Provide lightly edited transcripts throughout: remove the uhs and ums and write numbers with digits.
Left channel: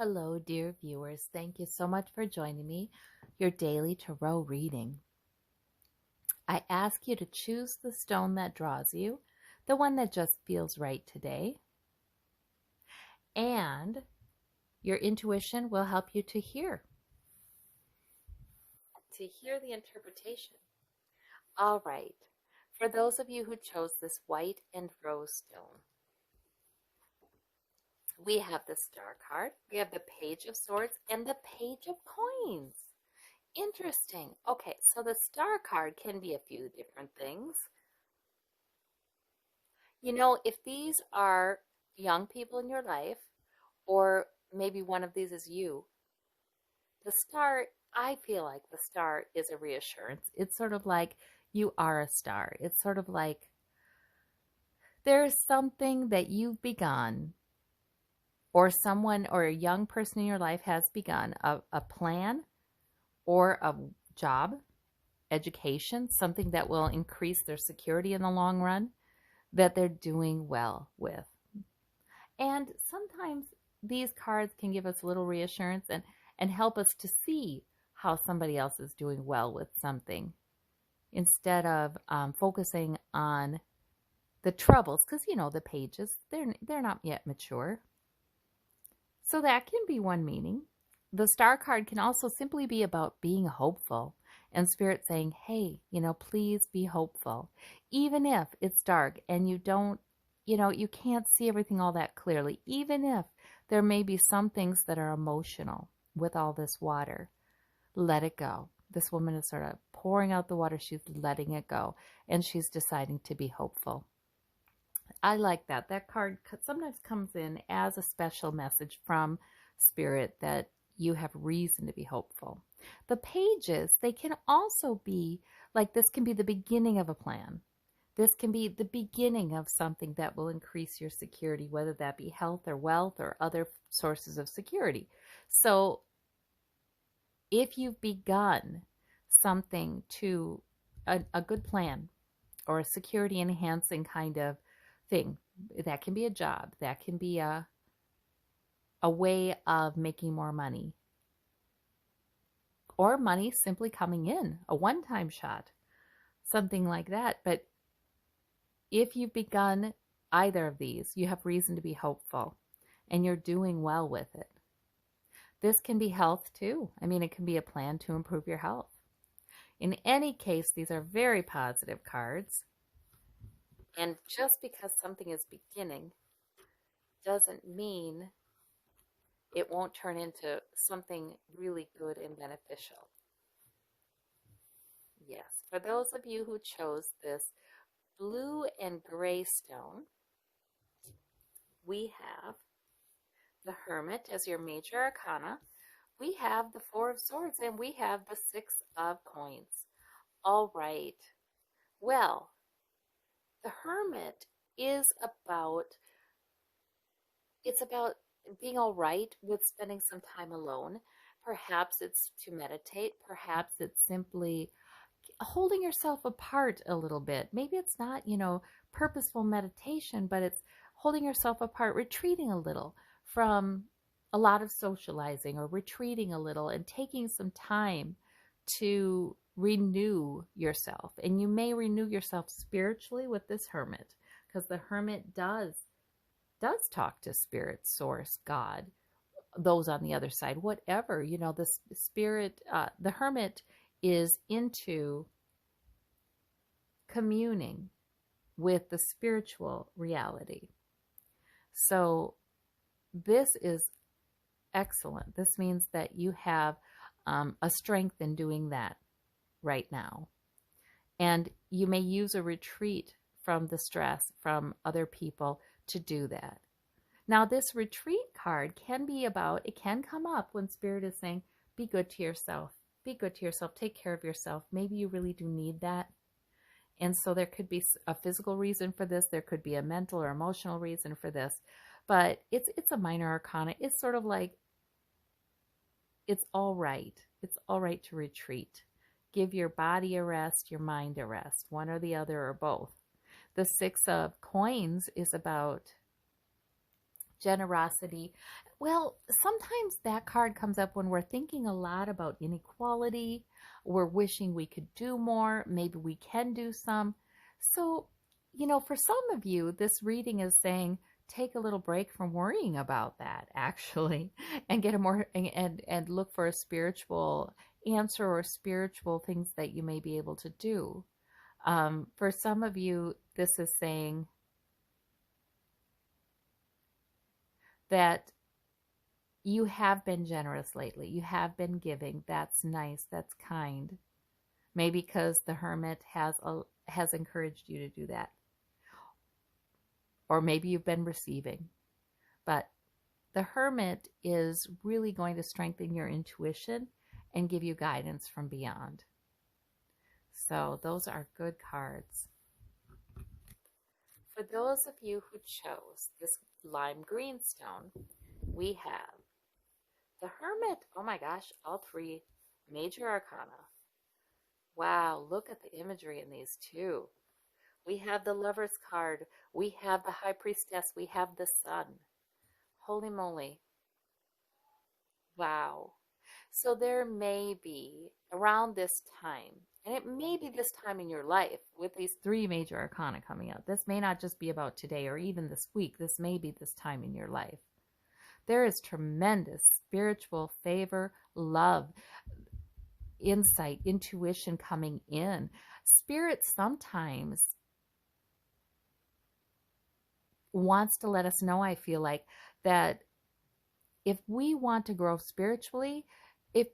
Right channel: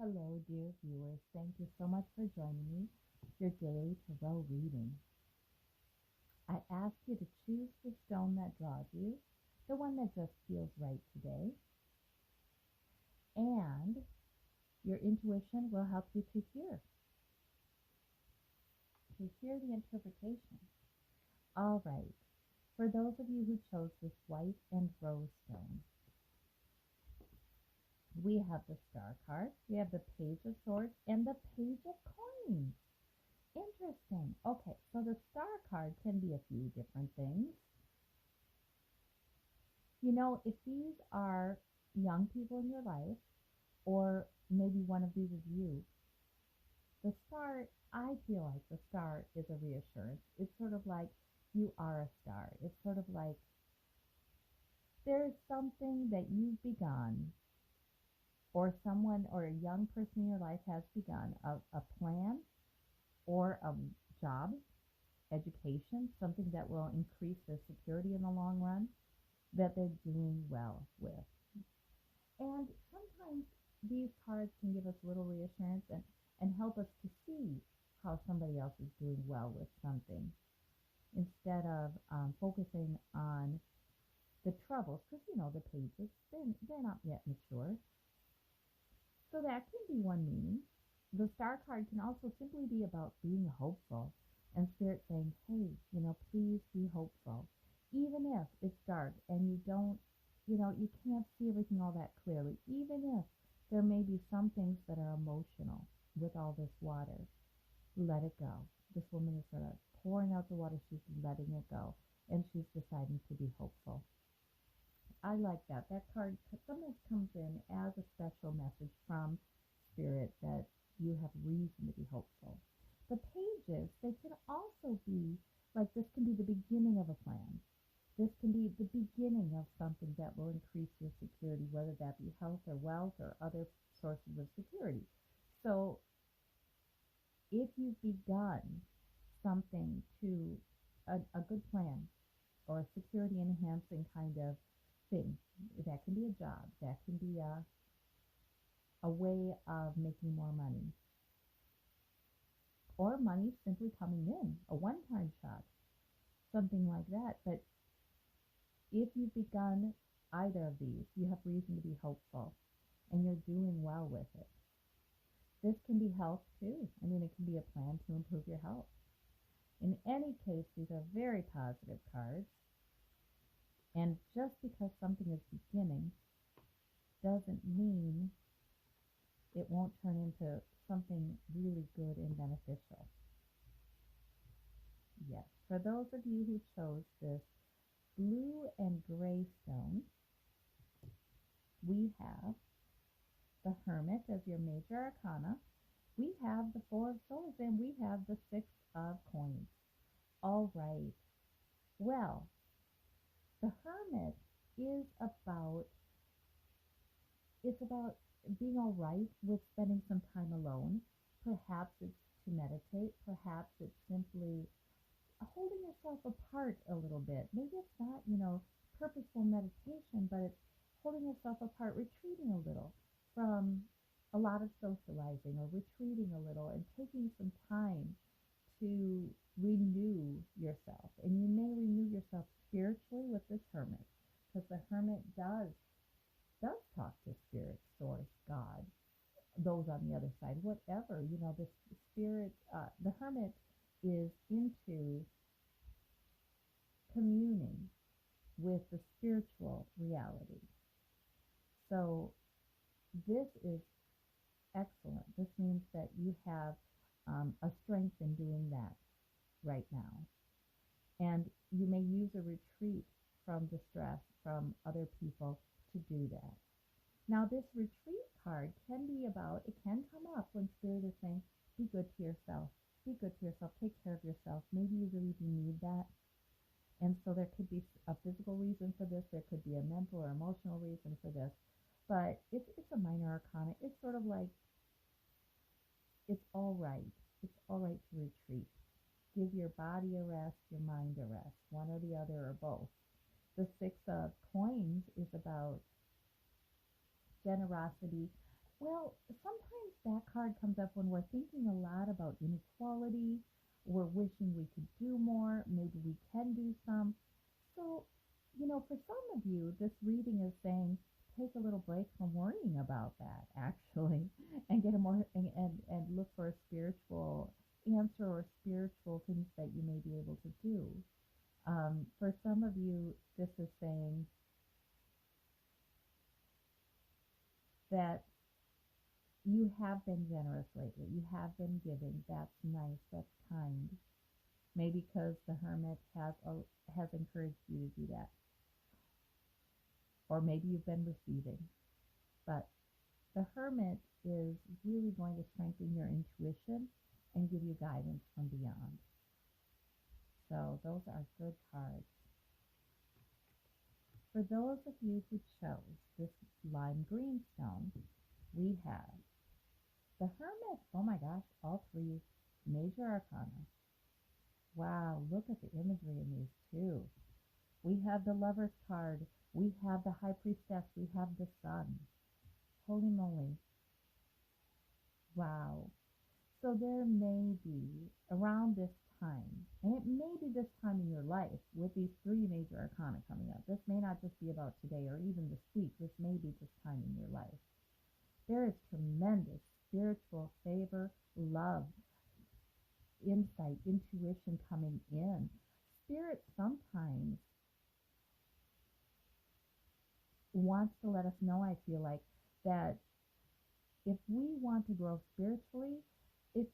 Hello, dear viewers. Thank you so much for joining me, your daily tarot reading. I ask you to choose the stone that draws you, the one that just feels right today, and your intuition will help you to hear the interpretation. All right. For those of you who chose this white and rose stone, we have the Star card, we have the Page of Swords, and the Page of Coins. Interesting. Okay, so the Star card can be a few different things. If these are young people in your life, or maybe one of these is you, the star, I feel like the star is a reassurance. It's sort of like you are a star. It's sort of like there's something that you've begun, or someone or a young person in your life has begun a plan or a job, education, something that will increase their security in the long run that they're doing well with. And sometimes these cards can give us a little reassurance and help us to see how somebody else is doing well with something instead of focusing on the troubles, because the pages, they're not yet mature. So that can be one meaning. The Star card can also simply be about being hopeful and Spirit saying, hey, please be hopeful. Even if it's dark and you can't see everything all that clearly, even if there may be some things that are emotional with all this water, let it go. This woman is sort of pouring out the water. She's letting it go, and she's deciding to be hopeful. I like that. That card sometimes comes in as a special message from Spirit that you have reason to be hopeful. The pages, they can also be like this can be the beginning of a plan. This can be the beginning of something that will increase your security, whether that be health or wealth or other sources of security. So if you've begun something to a good plan or a security enhancing kind of thing, that can be a job, that can be a way of making more money, or money simply coming in, a one-time shot, something like that. But if you've begun either of these, you have reason to be hopeful and you're doing well with it. This can be health too. I mean, it can be a plan to improve your health. In any case, these are very positive cards. And just because something is beginning doesn't mean it won't turn into something really good and beneficial. Yes, for those of you who chose this blue and gray stone, we have the Hermit as your major arcana. We have the Four of Swords, and we have the Six of Coins. All right. Well, the Hermit is it's about being all right with spending some time alone. Perhaps it's to meditate. Perhaps it's simply holding yourself apart a little bit. Maybe it's not, purposeful meditation, but it's holding yourself apart, retreating a little from a lot of socializing, or retreating a little and taking some time to renew yourself. And you may renew yourself spiritually with this Hermit, because the Hermit does talk to Spirit, Source, God, those on the other side, whatever. The Spirit, the Hermit is into communing with the spiritual reality. So this is excellent. This means that you have a strength in doing that right now. And you may use a retreat from the stress from other people to do that. Now, this retreat card can come up when Spirit is saying, be good to yourself. Be good to yourself. Take care of yourself. Maybe you really do need that. And so there could be a physical reason for this. There could be a mental or emotional reason for this. But it's a minor arcana. It's sort of like, it's all right. It's all right to retreat. Give your body a rest, your mind a rest, one or the other or both. The Six of Coins is about generosity. Well, sometimes that card comes up when we're thinking a lot about inequality. We're wishing we could do more. Maybe we can do some. So, for some of you, this reading is saying take a little break from worrying about that, actually, and get a more and look for a spiritual answer or spiritual things that you may be able to do. For some of you, this is saying that you have been generous lately. You have been giving. That's nice. That's kind. Maybe because the hermit has encouraged you to do that. Or maybe you've been receiving. But the hermit is really going to strengthen your intuition and give you guidance from beyond. So those are good cards. For those of you who chose this lime green stone, we have the hermit. Oh my gosh, all three major arcana. Wow, look at the imagery in these two. We have the Lover's card. We have the High Priestess. We have the Sun. Holy moly. Wow. So there may be around this time, and it may be this time in your life with these three major arcana coming out. This may not just be about today or even this week. This may be this time in your life. There is tremendous spiritual favor, love, insight, intuition coming in. Spirit sometimes wants to let us know, I feel like, that if we want to grow spiritually, if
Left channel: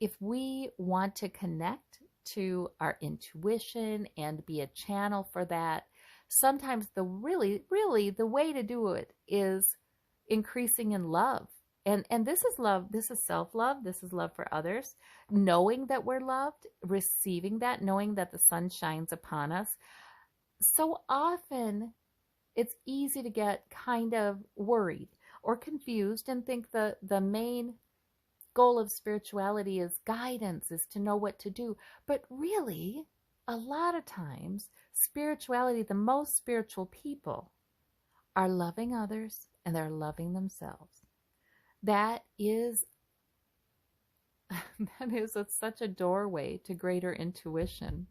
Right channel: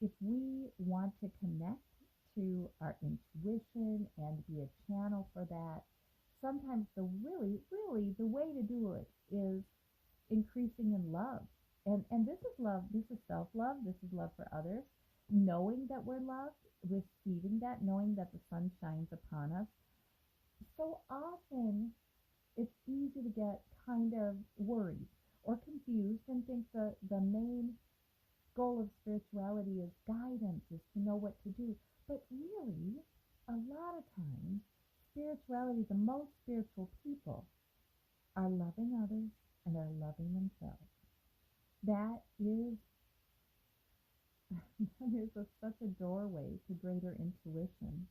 if we want to connect to our intuition and be a channel for that, sometimes the really the way to do it is increasing in love. And this is love, this is self-love, this is love for others, knowing that we're loved, receiving that, knowing that the sun shines upon us. So often it's easy to get kind of worried or confused and think the main goal of spirituality is guidance, is to know what to do. But really, a lot of times, spirituality, the most spiritual people are loving others and they're loving themselves. That is such a doorway to greater intuition.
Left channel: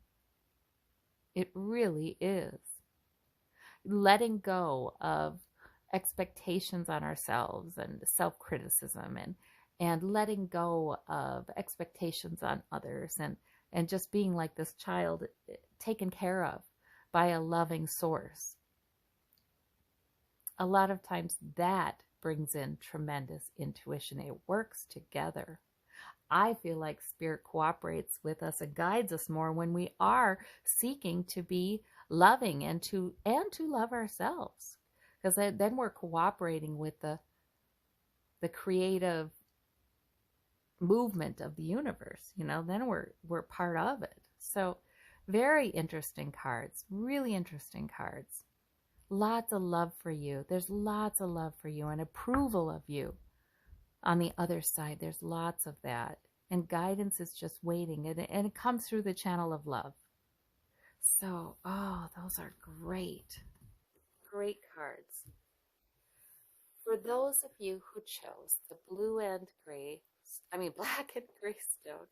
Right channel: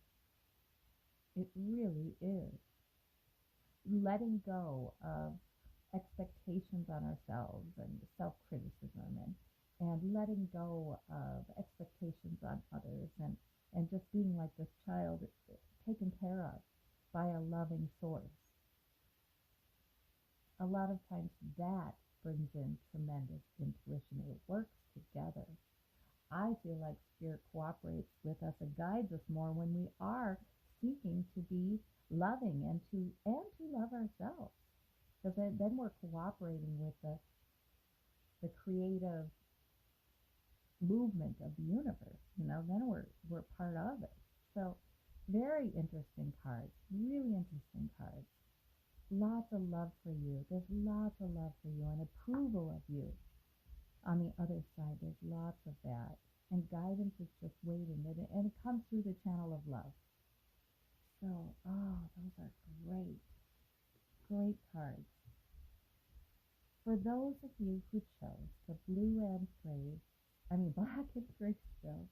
It really is. Letting go of expectations on ourselves and self-criticism and letting go of expectations on others and just being like this child taken care of by a loving source. A lot of times that brings in tremendous intuition. It works together. I feel like spirit cooperates with us and guides us more when we are seeking to be loving and to love ourselves, because then we're cooperating with the creative movement of the universe. Then we're part of it. So very interesting cards, really interesting cards. Lots of love for you. There's lots of love for you and approval of you. On the other side, there's lots of that. And guidance is just waiting. And it comes through the channel of love. So, those are great. Great cards. For those of you who chose the black and gray stone,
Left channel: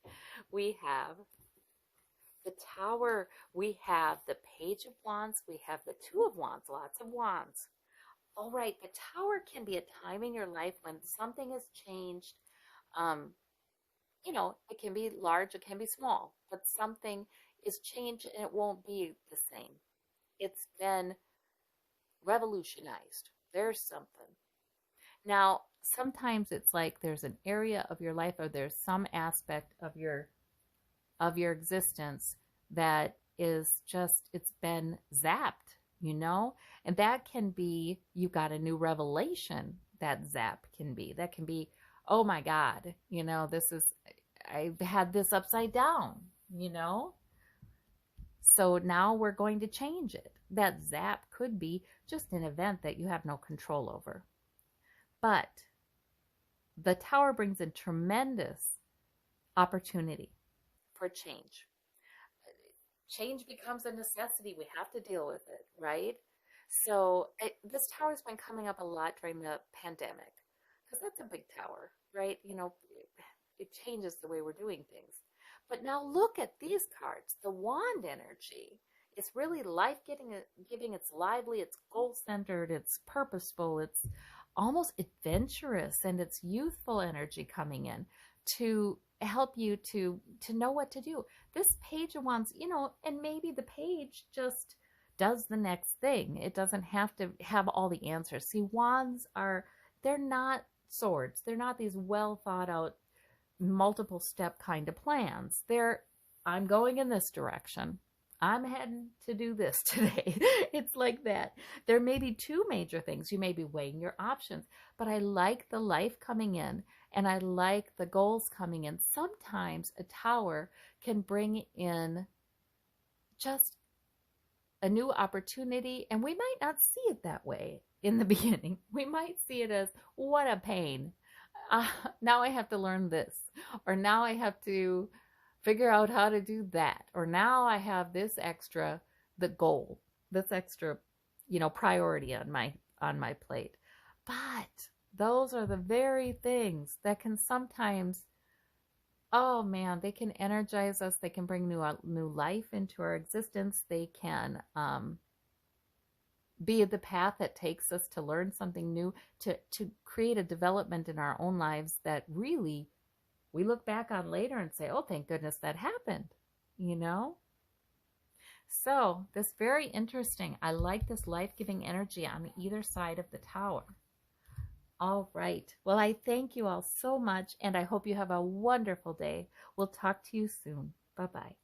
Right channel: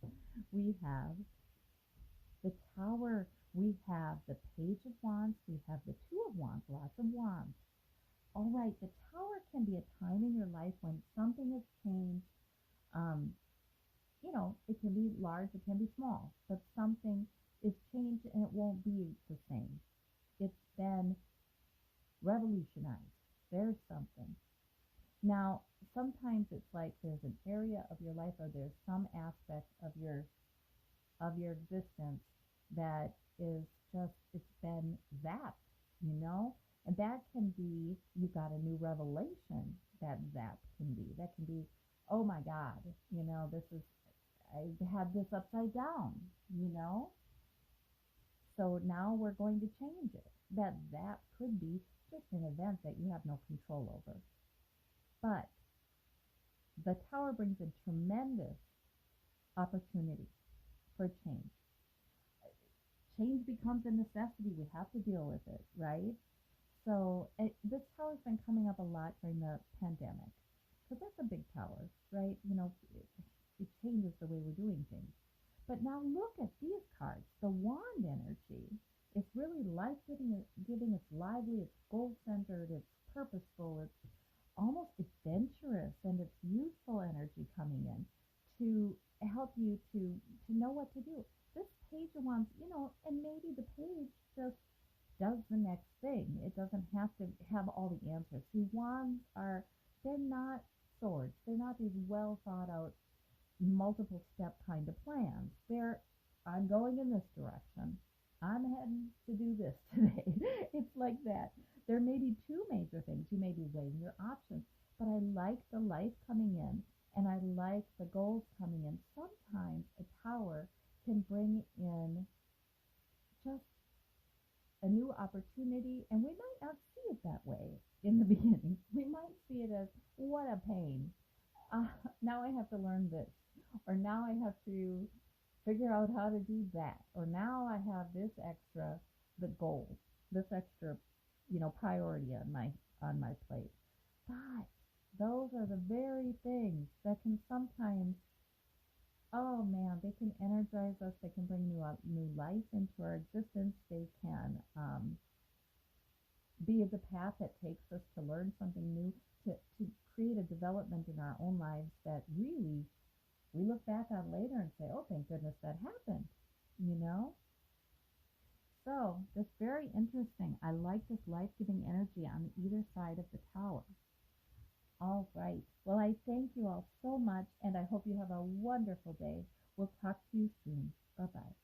we have the Tower. We have the Page of Wands. We have the Two of Wands. Lots of wands. All right, the Tower can be a time in your life when something has changed. It can be large, it can be small, but something is changed and it won't be the same. It's been revolutionized. There's something. Now, sometimes it's like there's an area of your life or there's some aspect of your existence that is just, it's been zapped, and that can be, you got a new revelation. That zap can be, oh my God, I've had this upside down, so now we're going to change it. That zap could be just an event that you have no control over. But the Tower brings in tremendous opportunity for change. Change becomes a necessity. We have to deal with it, right? So this Tower has been coming up a lot during the pandemic because that's a big tower, right? It changes the way we're doing things. But now look at these cards. The wand energy is really life giving, it's lively, it's goal centered, it's purposeful, it's almost adventurous, and it's youthful energy coming in to help you to know what to do. This page of wands, and maybe the page just does the next thing. It doesn't have to have all the answers. See, wands are, they're not swords. They're not these well thought out multiple step kind of plans. I'm going in this direction. I'm heading to do this today. It's like that. There may be two major things. You may be weighing your options, but I like the life coming in and I like the goals coming in. Sometimes a tower can bring in just a new opportunity, and we might not see it that way in the beginning. We might see it as, what a pain. Uh, Now I have to learn this, or now I have to figure out how to do that, or now I have this extra, the goal, this extra, priority on my plate. But those are the very things that can sometimes, oh man, they can energize us. They can bring new life into our existence. They can be the path that takes us to learn something new, to create a development in our own lives that really we look back on later and say, oh, thank goodness that happened, you know? So this very interesting. I like this life-giving energy on either side of the tower. All right. Well, I thank you all so much, and I hope you have a wonderful day. We'll talk to you soon. Bye-bye.